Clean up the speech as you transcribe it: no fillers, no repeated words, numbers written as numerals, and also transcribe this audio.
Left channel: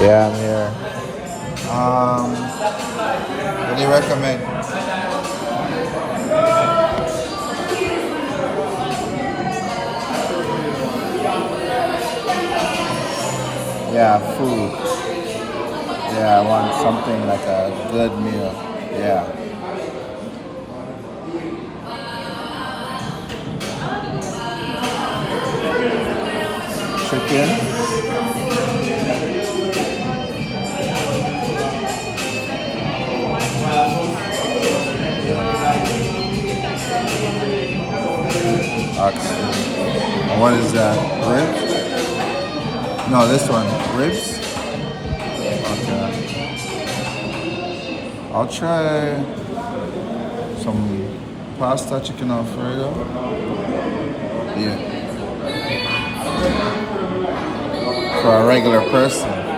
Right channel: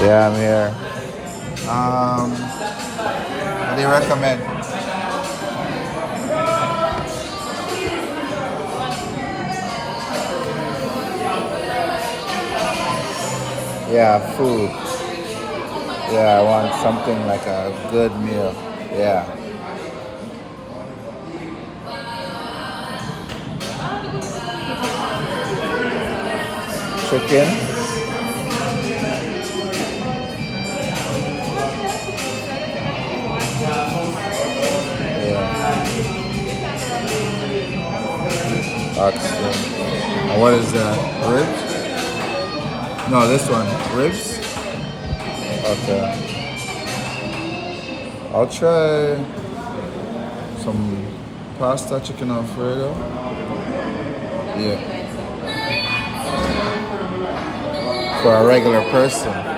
Yeah, I'm here. What do you recommend? Yeah, food. Yeah, I want something like a good meal. Yeah. Chicken. Yeah. Oxtail. And what is that? Ribs? No, this one. Ribs? Okay. I'll try some pasta chicken alfredo. Yeah. For a regular person.